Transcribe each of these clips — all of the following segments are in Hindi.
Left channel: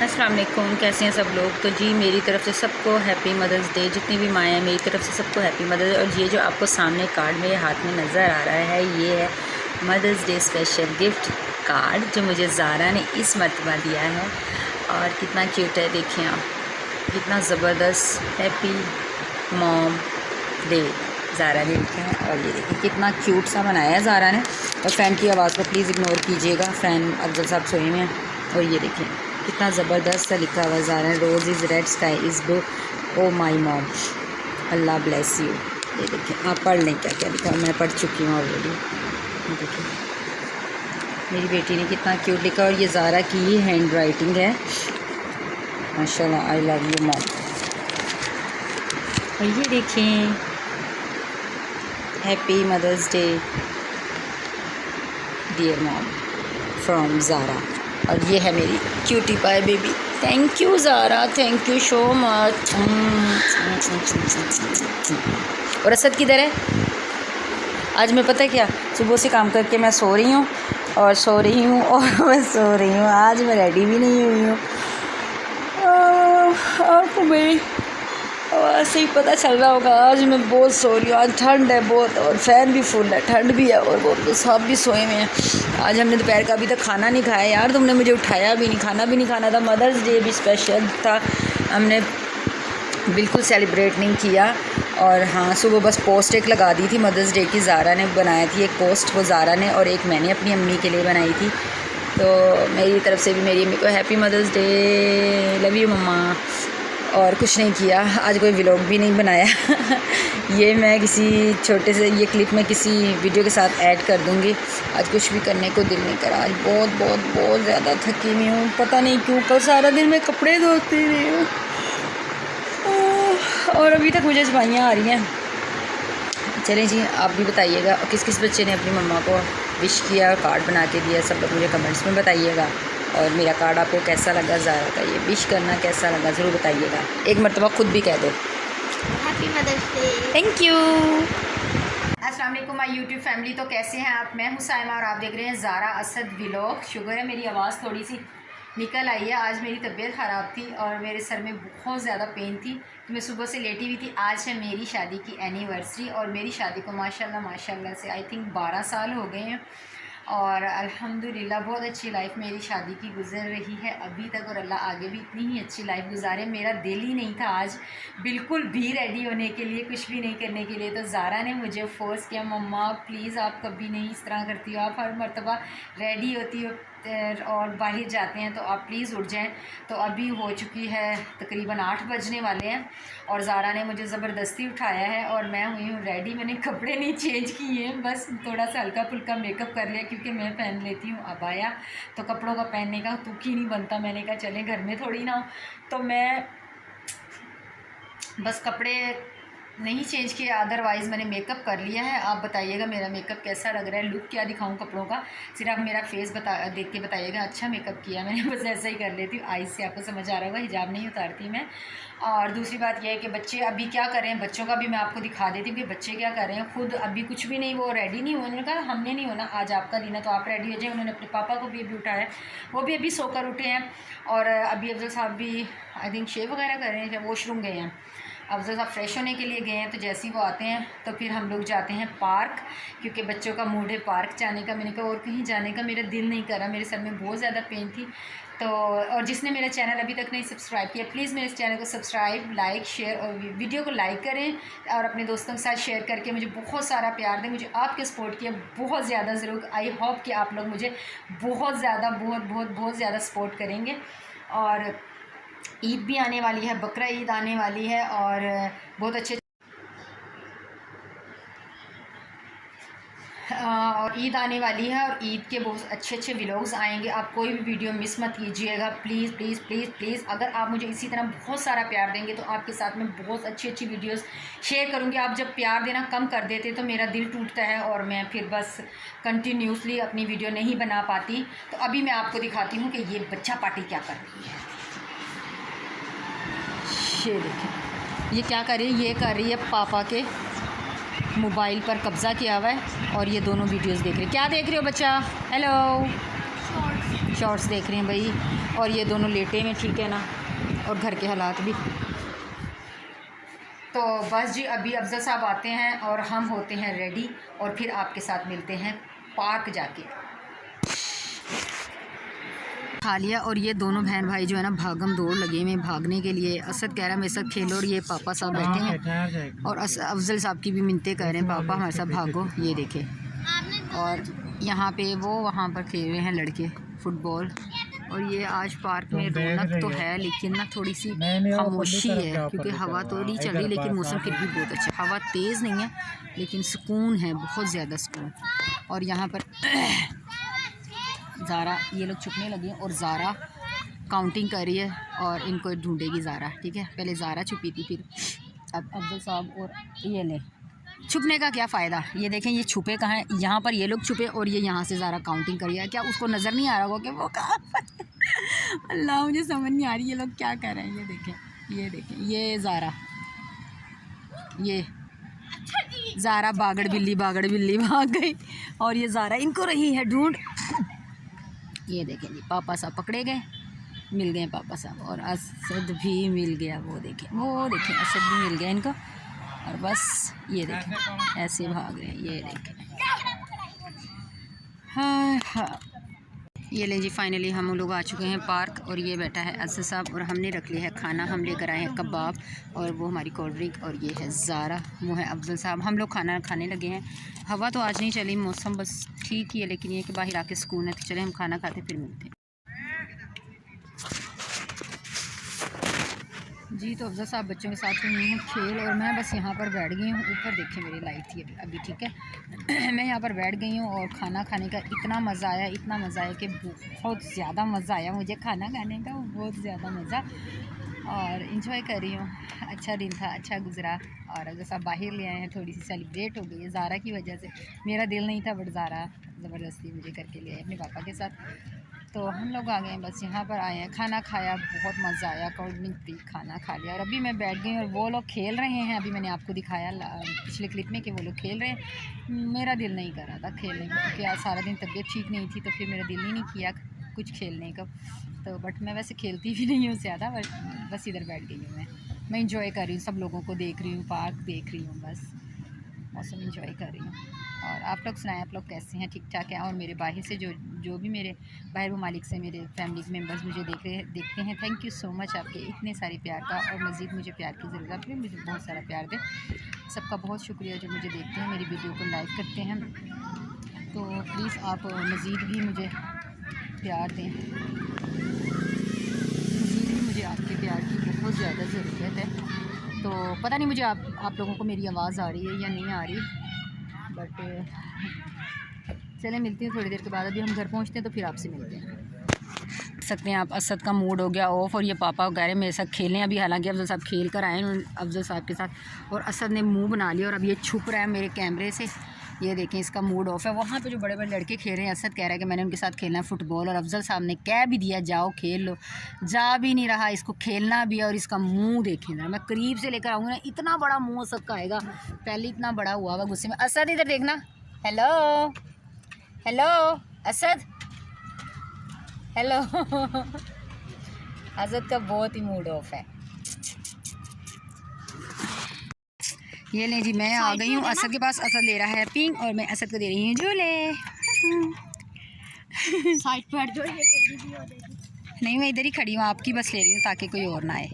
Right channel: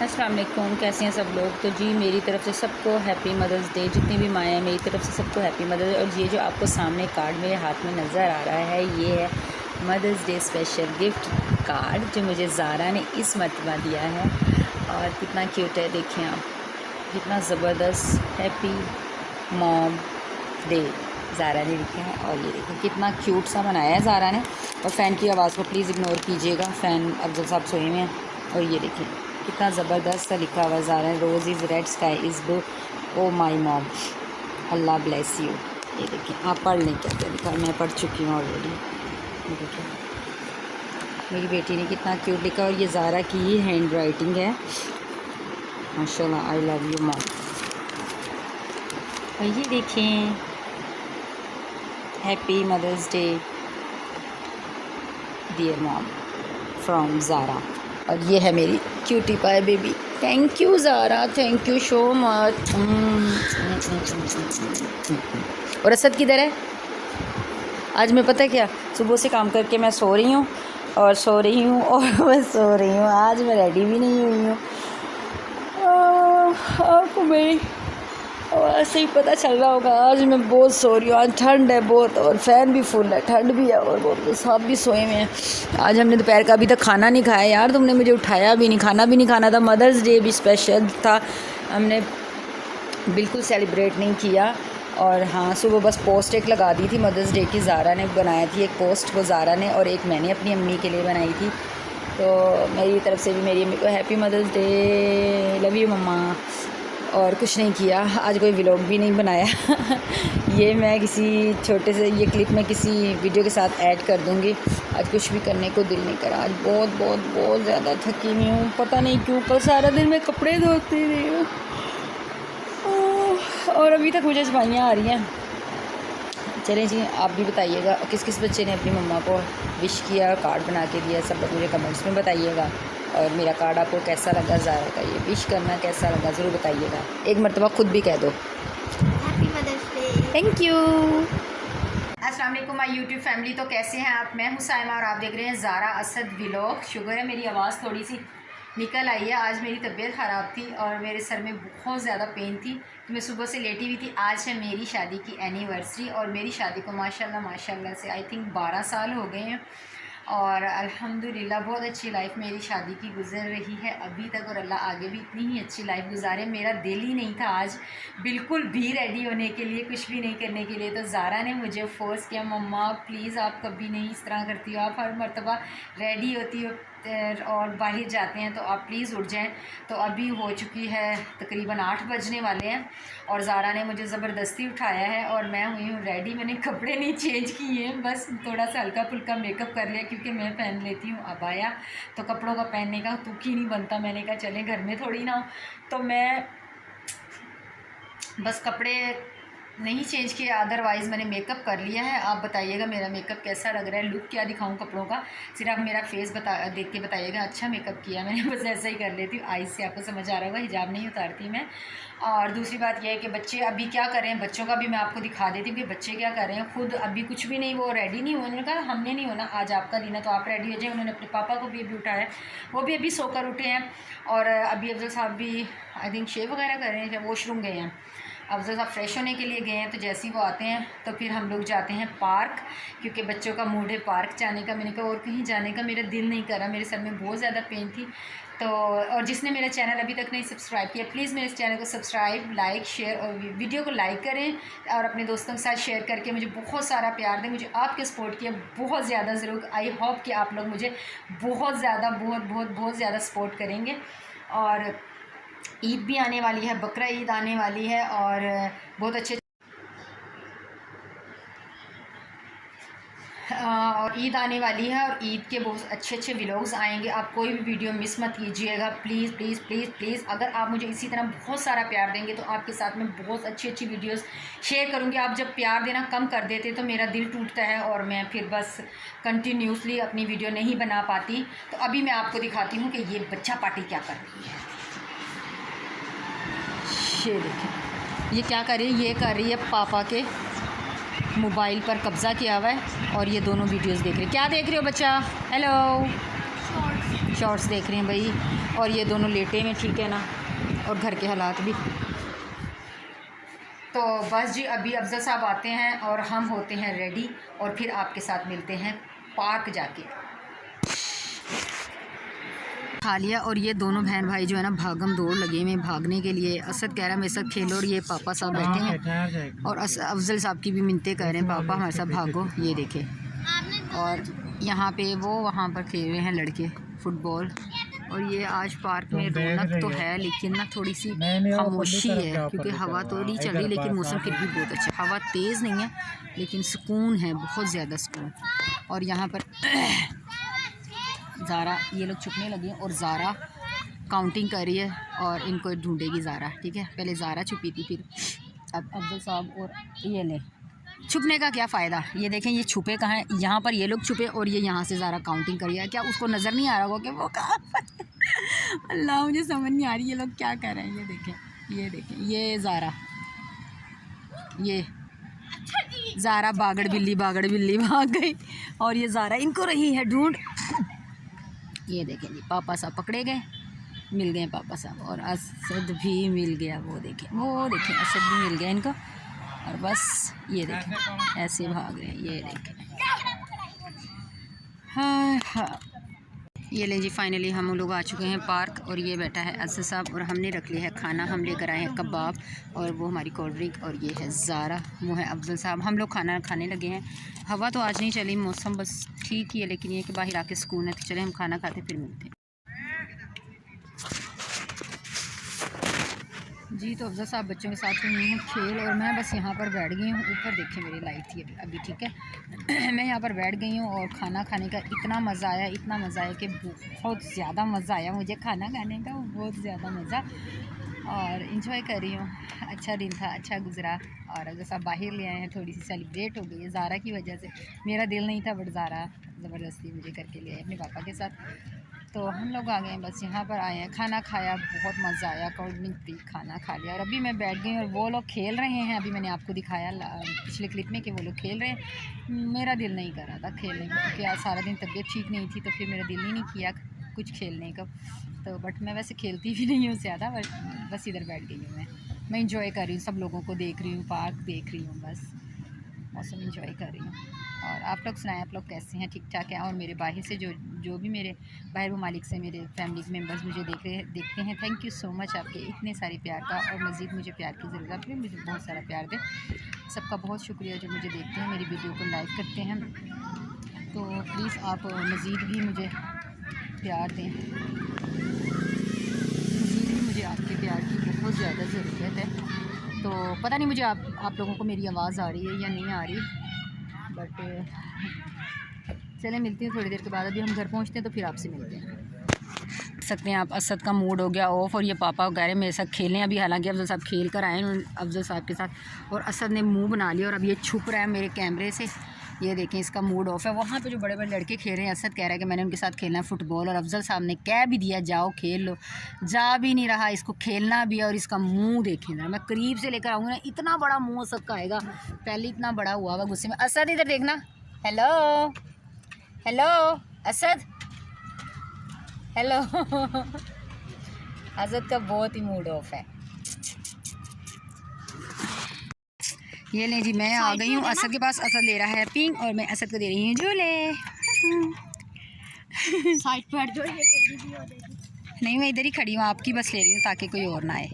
अस्सलाम वालेकुम, कैसे हैं सब लोग। तो जी मेरी तरफ़ से सबको हैप्पी मदर्स डे। जितनी भी माएँ हैं मेरी तरफ़ से सबको हैप्पी मदर्स डे। और ये जो आपको सामने कार्ड मेरे हाथ में नज़र आ रहा है ये है mother's day special gift card जो मुझे ज़ारा ने इस मरतबा दिया है। और कितना क्यूट है, देखें आप, कितना ज़बरदस्त हैप्पी मॉम डे ज़ारा ने लिखा है। और ये देखिए कितना क्यूट सा बनाया है ज़ारा ने। और फ़ैन की आवाज़ को प्लीज़ इग्नोर कीजिएगा, फ़ैन अफजल साहब सोए में हैं। और ये देखें कितना ज़बरदस्त सा लिखा हुआ ज़ारा ने, rose is red sky is blue oh my mom, Allah bless you. ये देखें आप पढ़ लें क्या क्या लिखा, मैं पढ़ चुकी हूँ ऑलरेडी। देखें मेरी बेटी ने कितना क्यूट लिखा। और ये ज़ारा की ही हैंड राइटिंग है, माशाल्लाह। I love you mom. और ये देखें happy mother's day dear mom from Zara. और ये है मेरी cutie pie baby. Thank you Zara, thank you so much. और असद किधर है? आज मैं पता क्या, सुबह से काम करके मैं सो रही हूँ और सो रही हूँ और मैं सो रही हूँ। आज मैं रेडी भी नहीं हुई हूँ। आपको मेरी आवाज़ से ही पता चल रहा होगा आज मैं बहुत सो रही हूँ। आज ठंड है बहुत और फ़ैन भी फुल है, ठंड भी है और बहुत सब भी सोए में हैं। आज हमने दोपहर का अभी तक खाना नहीं खाया यार, तुमने मुझे उठाया भी नहीं, खाना भी नहीं खाना था। मदर्स डे भी स्पेशल था, हमने बिल्कुल सेलिब्रेट नहीं किया। और हाँ, सुबह बस पोस्ट एक लगा दी थी मदर्स डे की, ज़ारा ने बनाई थी एक पोस्ट, वो ज़ारा ने, और एक मैंने अपनी अम्मी के लिए बनाई थी। तो मेरी तरफ़ से भी मेरी अम्मी को happy mother's day, love you mama. और कुछ नहीं किया आज, कोई व्लॉग भी नहीं बनाया। ये मैं किसी छोटे से ये क्लिप में किसी वीडियो के साथ ऐड कर दूँगी। आज कुछ भी करने को दिल नहीं करा, आज बहुत बहुत बहुत ज़्यादा थकी हुई हूँ, पता नहीं क्यों। कल सारा दिन मैं कपड़े धोती रही हूँ और अभी तक मुझे जवाइयाँ आ रही हैं। चलें जी, आप भी बताइएगा किस किस बच्चे ने अपनी मम्मा को विश किया और कार्ड बना के दिया, सब लोग मुझे कमेंट्स में बताइएगा। और मेरा कार्ड आपको कैसा लगा, ज़ारा का ये विश करना कैसा लगा ज़रूर बताइएगा। एक मरतबा खुद भी कह दो happy mother's day. Thank you. अस्सलाम वालेकुम माय यूट्यूब फैमिली। तो कैसे हैं आप? मैं हूं साइमा और आप देख रहे हैं ज़ारा असद व्लॉग। शुगर है मेरी आवाज़ थोड़ी सी निकल आई है। आज मेरी तबीयत ख़राब थी और मेरे सर में बहुत ज़्यादा पेन थी, तो मैं सुबह से लेटी हुई थी। आज है मेरी शादी की एनिवर्सरी और मेरी शादी को माशाल्लाह माशाल्लाह से आई थिंक 12 साल हो गए हैं। और अल्हम्दुलिल्लाह बहुत अच्छी लाइफ मेरी शादी की गुजर रही है अभी तक, और अल्लाह आगे भी इतनी ही अच्छी लाइफ गुजारे। मेरा दिल ही नहीं था आज बिल्कुल भी रेडी होने के लिए, कुछ भी नहीं करने के लिए। तो ज़ारा ने मुझे फोर्स किया, मम्मा प्लीज़ आप कभी नहीं इस तरह करती हो, आप हर मरतबा रेडी होती हो और बाहर जाते हैं तो आप प्लीज़ उठ जाएं। तो अभी हो चुकी है तकरीबन 8 बजने वाले हैं और ज़ारा ने मुझे ज़बरदस्ती उठाया है और मैं हुई हूँ रेडी। मैंने कपड़े नहीं चेंज किए हैं, बस थोड़ा सा हल्का फुल्का मेकअप कर लिया क्योंकि मैं पहन लेती हूँ अबाया, तो कपड़ों का पहनने का तुक ही नहीं बनता। मैंने कहा चले घर में थोड़ी ना हो, तो मैं बस कपड़े नहीं चेंज किया, अदरवाइज़ मैंने मेकअप कर लिया है। आप बताइएगा मेरा मेकअप कैसा लग रहा है, लुक क्या दिखाऊं कपड़ों का, सिर्फ आप मेरा फेस देख के बताइएगा अच्छा मेकअप किया मैंने। बस ऐसा ही कर लेती हूँ, आईज से आपको समझ आ रहा होगा, हिजाब नहीं उतारती मैं। और दूसरी बात यह है कि बच्चे अभी क्या कर रहे हैं, बच्चों का भी मैं आपको दिखा देती हूँ कि बच्चे क्या कर रहे हैं। खुद अभी कुछ भी नहीं, वो रेडी नहीं हुए। उन्होंने कहा हमने नहीं होना, आज आपका दिन है तो आप रेडी हो जाए। उन्होंने अपने पापा को भी अभी उठाया, वो भी अभी सोकर उठे हैं। और अभी अफजल साहब भी आई थिंक शेव वगैरह कर रहे हैं, वॉशरूम गए हैं। अफजल साहब फ्रेश होने के लिए गए हैं, तो जैसे ही वो आते हैं तो फिर हम लोग जाते हैं पार्क, क्योंकि बच्चों का मूड है पार्क जाने का। मैंने कहा और कहीं जाने का मेरा दिल नहीं कर रहा, मेरे सर में बहुत ज़्यादा पेन थी। तो और जिसने मेरा चैनल अभी तक नहीं सब्सक्राइब किया प्लीज़ मेरे इस चैनल को सब्सक्राइब, लाइक, शेयर और वीडियो को लाइक करें और अपने दोस्तों के साथ शेयर करके मुझे बहुत सारा प्यार दें। मुझे आपके सपोर्ट किया बहुत ज़्यादा ज़रूर। आई होप कि आप लोग मुझे बहुत ज़्यादा बहुत ज़्यादा सपोर्ट करेंगे। और ईद भी आने वाली है, बकरा ईद आने वाली है और बहुत अच्छे और ईद आने वाली है और ईद के बहुत अच्छे अच्छे व्लॉग्स आएंगे। आप कोई भी वीडियो मिस मत कीजिएगा प्लीज़ प्लीज़ प्लीज़ प्लीज़। अगर आप मुझे इसी तरह बहुत सारा प्यार देंगे तो आपके साथ में बहुत अच्छी अच्छी वीडियोस शेयर करूँगी। आप जब प्यार देना कम कर देते तो मेरा दिल टूटता है और मैं फिर बस कंटिन्यूसली अपनी वीडियो नहीं बना पाती। तो अभी मैं आपको दिखाती हूँ कि ये बच्चा पार्टी क्या कर रही है। ये देखिए ये क्या कर रही है, ये कर रही है पापा के मोबाइल पर कब्ज़ा किया हुआ है और ये दोनों वीडियोस देख रहे हैं। क्या देख रहे हो बच्चा? हेलो, शॉर्ट्स देख रहे हैं भाई। और ये दोनों लेटे हैं, ठीक है ना। और घर के हालात भी। तो बस जी, अभी अफजल साहब आते हैं और हम होते हैं रेडी और फिर आपके साथ मिलते हैं पार्क जाके। खा लिया और ये दोनों बहन भाई जो है ना भागम दौड़ लगे हुए भागने के लिए। असद कह रहा है मेरे साथ खेलो और ये पापा साहब बैठे हैं और अफजल साहब की भी मिन्नतें कर रहे हैं, पापा हमारे साथ भागो। ये देखें, और यहाँ पे वो वहाँ पर खेल रहे हैं लड़के फुटबॉल। और ये आज पार्क में रौनक तो है लेकिन ना थोड़ी सी खामोशी है क्योंकि हवा तो नहीं चल रही, लेकिन मौसम फिर भी बहुत अच्छा। हवा तेज़ नहीं है लेकिन सुकून है, बहुत ज़्यादा सुकून। और यहाँ पर ज़ारा, ये लोग छुपने लगे हैं और ज़ारा काउंटिंग कर रही है और इनको ढूंढेगी ज़ारा, ठीक है। पहले ज़ारा छुपी थी, फिर अब अफजल साहब। और ये ले, छुपने का क्या फ़ायदा? ये देखें ये छुपे कहाँ हैं। यहाँ पर ये लोग छुपे और ये यहाँ से ज़ारा काउंटिंग कर रही है। क्या उसको नज़र नहीं आ रहा होगा कि वो कहाँ पर? अल्लाह, मुझे समझ नहीं आ रही ये लोग क्या कर रहे हैं। ये देखें, ये देखें, ये ज़ारा, ये ज़ारा बागड़ बिल्ली भाग गई और ये ज़ारा इनको रही है ढूंढ। ये देखें जी, पापा साहब पकड़े गए, मिल गए पापा साहब। और असद भी मिल गया, वो देखें असद भी मिल गया इनको। और बस ये देखें ऐसे भाग रहे हैं, ये देखें। हाँ, ये ले जी, फाइनली हम लोग आ चुके हैं पार्क और ये बैठा है असद साहब और हमने रख लिया है खाना। हम लेकर आए हैं कबाब और वो हमारी कोल्ड ड्रिंक। और ये है ज़ारा, वो है अफजल साहब। हम लोग खाना खाने लगे हैं। हवा तो आज नहीं चली, मौसम बस ठीक ही है, लेकिन ये कि बाहर आके सुकून है। तो चले हम खाना खाते फिर मिलते हैं जी। तो अफजल साहब बच्चों के साथ हुई हूँ खेल और मैं बस यहाँ पर बैठ गई हूँ। ऊपर देखें मेरी लाइट थी अभी, ठीक है। मैं यहाँ पर बैठ गई हूँ और खाना खाने का इतना मज़ा आया कि बहुत ज़्यादा मज़ा आया मुझे खाना खाने का, बहुत ज़्यादा मज़ा। और इंजॉय कर रही हूँ। अच्छा दिन था, अच्छा गुजरा। और अफजल साहब बाहर ले आए हैं, थोड़ी सी सेलिब्रेट हो गई है ज़ारा की वजह से। मेरा दिल नहीं था बट ज़ारा ज़बरदस्ती मुझे करके ले आए अपने पापा के साथ। तो हम लोग आ गए हैं, बस यहाँ पर आए हैं। खाना खाया, बहुत मज़ा आया, कोल्ड ड्रिंक पी, खाना खा लिया और अभी मैं बैठ गई और वो लोग खेल रहे हैं। अभी मैंने आपको दिखाया पिछले क्लिप में कि वो लोग खेल रहे हैं। मेरा दिल नहीं कर रहा था खेलने का क्योंकि आज सारा दिन तबीयत ठीक नहीं थी, तो फिर मेरा दिल ही नहीं किया कुछ खेलने का। तो बट मैं वैसे खेलती भी नहीं हूँ ज़्यादा, बस इधर बैठ गई हूँ। मैं इंजॉय कर रही हूँ, सब लोगों को देख रही हूँ, पार्क देख रही हूँ, बस मौसम इंजॉय कर रही हूँ। और आप लोग सुनाएं, आप लोग कैसे हैं? ठीक ठाक हैं? और मेरे बाहर से जो भी मेरे बाहर ममालिक से मेरे फैमिली मेम्बर्स मुझे देखते हैं, थैंक यू सो मच आपके इतने सारे प्यार का। और मज़ीद मुझे प्यार की ज़रूरत है, मुझे बहुत सारा प्यार दें। सबका बहुत शुक्रिया जो मुझे देखते हैं, मेरी वीडियो को लाइक करते हैं। तो प्लीज़ आप मज़ीद भी मुझे प्यार दें, मज़ीद भी मुझे आपके प्यार की बहुत ज़्यादा ज़रूरत है। तो पता नहीं मुझे आप लोगों को मेरी आवाज़ आ रही है या नहीं आ रही, बट चले मिलती हूँ थोड़ी देर के बाद। अभी हम घर पहुँचते हैं तो फिर आपसे मिलते हैं। देख सकते हैं आप, असद का मूड हो गया ऑफ और ये पापा कह रहे हैं मेरे साथ खेलें। अभी हालांकि अफजल साहब खेल कर आए हैं अफजल साहब के साथ और असद ने मुंह बना लिया और अब ये छुप रहा है मेरे कैमरे से। ये देखें इसका मूड ऑफ है। वहाँ पे जो बड़े बड़े लड़के खेल रहे हैं, असद कह रहा है कि मैंने उनके साथ खेलना है फुटबॉल और अफजल साहब ने कह भी दिया जाओ खेल लो, जा भी नहीं रहा, इसको खेलना भी है। और इसका मुंह देखें ना, मैं करीब से लेकर आऊँगी ना, इतना बड़ा मुंह असद का आएगा, पहले इतना बड़ा हुआ हुआ गुस्से में। असद इधर देखना, hello hello Asad, hello. Asad का बहुत ही मूड ऑफ है। ये ले जी, मैं आ गई हूँ असद के पास। असद ले रहा है पिंक और मैं असद को दे रही हूँ झूले। साइड पर जो ये तेरी भी हो जाएगी। नहीं, मैं इधर ही खड़ी हूँ, आपकी बस ले रही हूँ ताकि कोई और ना आए।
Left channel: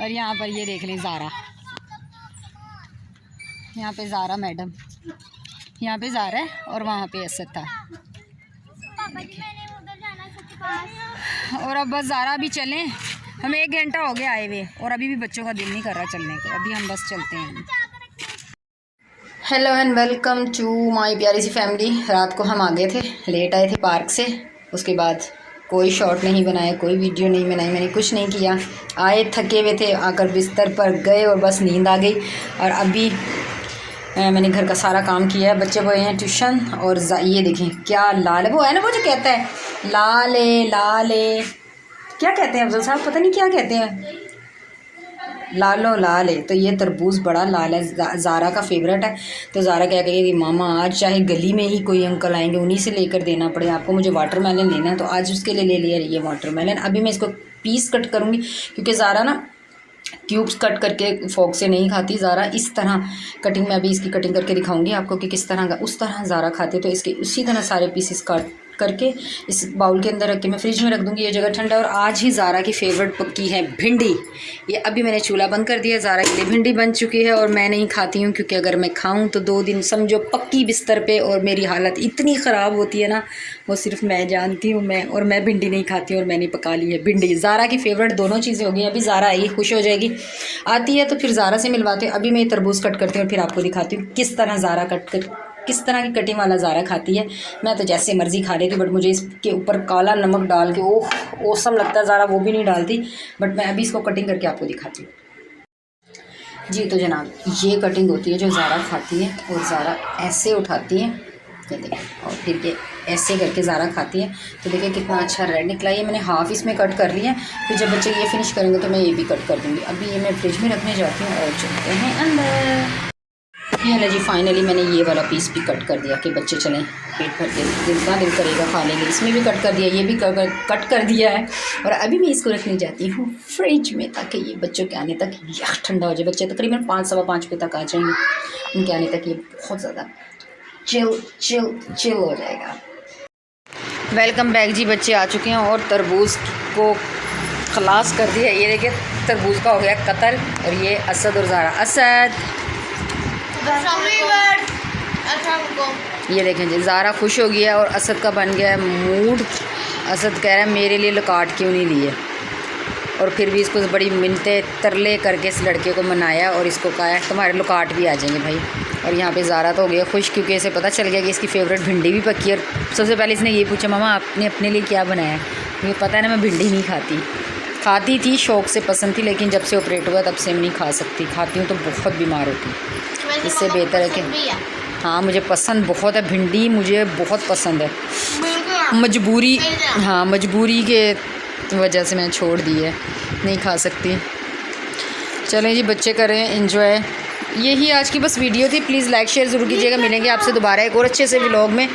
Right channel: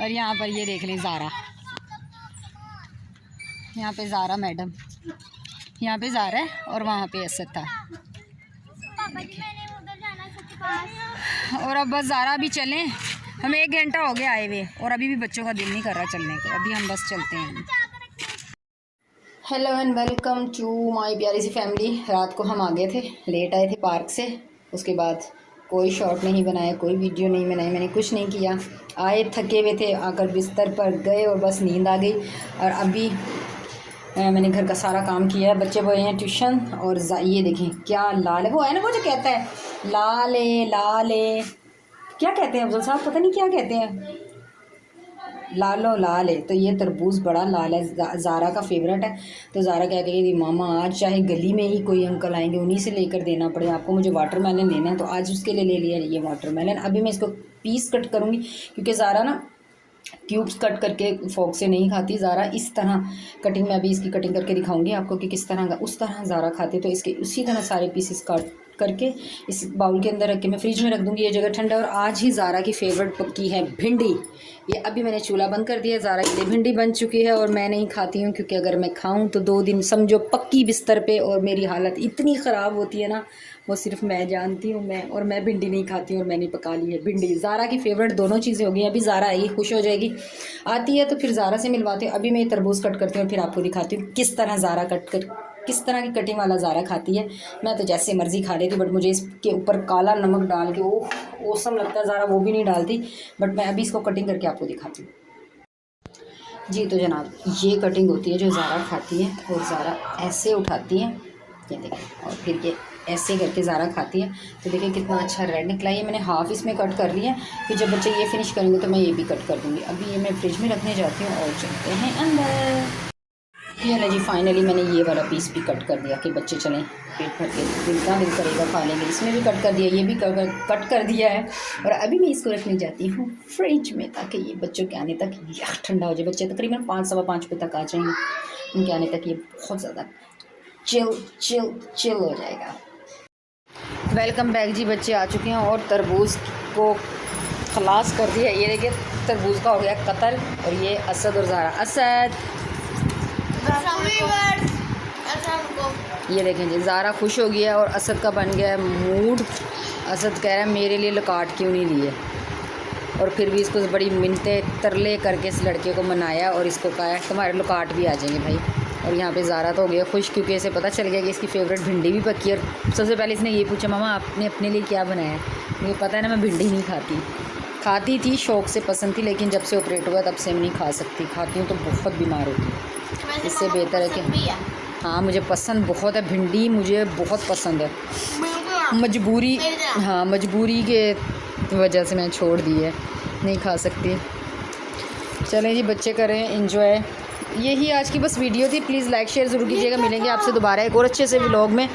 और यहाँ पर ये देख लें ज़ारा, यहाँ पे ज़ारा मैडम, यहाँ पे ज़ारा है और वहाँ पे असद था। और अब बस ज़ारा भी चलें, हमें 1 घंटा हो गया आए हुए और अभी भी बच्चों का दिल नहीं कर रहा चलने को। अभी हम बस चलते हैं। Hello and welcome to my प्यारी सी फैमिली। रात को हम आ गए थे, लेट आए थे पार्क से। उसके बाद कोई शॉट नहीं बनाया, कोई वीडियो नहीं बनाई, मैंने कुछ नहीं किया। आए थके हुए थे, आकर बिस्तर पर गए और बस नींद आ गई। और अभी मैंने घर का सारा काम किया है। बच्चे गए हैं ट्यूशन और ये देखें क्या लाल है, वो है ना वो जो कहता है लाल है क्या कहते हैं अफजल साहब, पता नहीं क्या कहते हैं, लालो लाल है। तो ये तरबूज बड़ा लाल है, ज़ारा का फेवरेट है। तो ज़ारा क्या कहेगी कि मामा आज चाहे गली में ही कोई अंकल आएंगे उन्हीं से लेकर देना पड़े आपको, मुझे वाटरमेलन लेना है। तो आज उसके लिए ले लिया ये वाटरमेलन। अभी मैं इसको पीस कट करूँगी क्योंकि ज़ारा ना क्यूब्स कट करके फोक से नहीं खाती ज़ारा, इस तरह कटिंग में अभी इसकी कटिंग करके दिखाऊंगी आपको कि किस तरह का उस तरह ज़ारा खाती है। तो इसके उसी तरह सारे पीसेस काट करके इस बाउल के अंदर रख के मैं फ्रिज में रख दूँगी, ये जगह ठंडा। और आज ही ज़ारा की फेवरेट पक्की है भिंडी। ये अभी मैंने चूल्हा बंद कर दिया, ज़ारा के लिए भिंडी बन चुकी है। और मैं नहीं खाती हूँ क्योंकि अगर मैं खाऊँ तो 2 दिन समझो पक्की बिस्तर पे, और मेरी हालत इतनी ख़राब होती है ना, वो सिर्फ मैं जानती हूँ। मैं भिंडी नहीं खाती हूँ और मैंने पका ली है भिंडी। ज़ारा की फेवरेट दोनों चीज़ें हो गई। अभी ज़ारा आएगी, खुश हो जाएगी, आती है तो फिर ज़ारा से मिलवाते हैं। अभी मैं ये तरबूज कट करती हूँ, फिर आपको दिखाती हूँ किस तरह ज़ारा किस तरह की कटिंग वाला ज़ारा खाती है। मैं तो जैसे मर्ज़ी खा लेती हूँ, बट मुझे इसके ऊपर काला नमक डाल के ओह औसम लगता है ज़ारा, वो भी नहीं डालती। बट मैं अभी इसको कटिंग करके आपको दिखाती हूँ। जी तो जनाब, ये कटिंग होती है जो ज़ारा खाती है। और ज़ारा ऐसे उठाती है, ये देखिए, और फिर ये ऐसे करके ज़ारा खाती है। तो देखिए कितना अच्छा रेड निकला। ये मैंने हाफ़ इसमें कट कर लिया है, फिर जब बच्चे ये फिनिश करेंगे तो मैं ये भी कट कर दूँगी। अभी ये मैं फ्रिज में रखने जाती हूँ और चलते हैं अंदर। ये है जी, फाइनली मैंने ये वाला पीस भी कट कर दिया कि बच्चे चलें पेट भर के जितना दिल करेगा खा लेंगे। इसमें भी कट कर दिया, ये भी कट कर दिया है। और अभी मैं इसको रखने जाती हूँ फ्रिज में ताकि ये बच्चों के आने तक यह ठंडा हो जाए। बच्चे तकरीबन 5 सवा 5 बजे तक आ जाएंगे, उनके आने तक ये बहुत ज़्यादा चिल हो जाएगा। वेलकम बैक जी, बच्चे आ चुके हैं और तरबूज को खलास कर दिया। ये देखिए तरबूज का हो गया कत्ल। और ये असद और ज़ारा, असद ये देखें जी, ज़ारा खुश हो गया और असद का बन गया है मूड। असद कह रहा है मेरे लिए लकाट क्यों नहीं लिए। और फिर भी इसको बड़ी मिन्नतें तरले करके इस लड़के को मनाया और इसको कहा है तुम्हारे लकाट भी आ जाएंगे भाई। और यहाँ पे ज़ारा तो हो गया खुश क्योंकि इसे पता चल गया कि इसकी फेवरेट भिंडी भी पकी है। और सबसे पहले इसने ये पूछा मामा आपने अपने लिए क्या बनाया। मुझे पता है ना मैं भिंडी नहीं खाती थी, शौक़ से पसंद थी, लेकिन जब से ऑपरेट हुआ तब से मैं नहीं खा सकती। खाती हूँ तो बहुत बीमार होती हूँ। इससे बेहतर है कि हाँ, मुझे पसंद बहुत है भिंडी, मुझे बहुत पसंद है। मजबूरी, हाँ मजबूरी के वजह से मैंने छोड़ दी है, नहीं खा सकती। चलें जी, बच्चे कर रहे हैं एंजॉय। यही आज की बस वीडियो थी। प्लीज़ लाइक शेयर ज़रूर कीजिएगा। मिलेंगे आपसे दोबारा एक और अच्छे से व्लॉग में।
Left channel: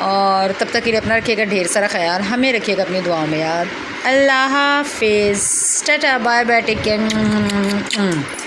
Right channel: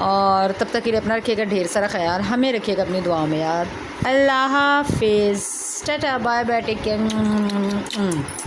और तब तक के लिए अपना रखिएगा ढेर सारा ख्याल, हमें रखिएगा अपनी दुआओं में याद। अल्लाह हाफिज़, tata bye bye, take care.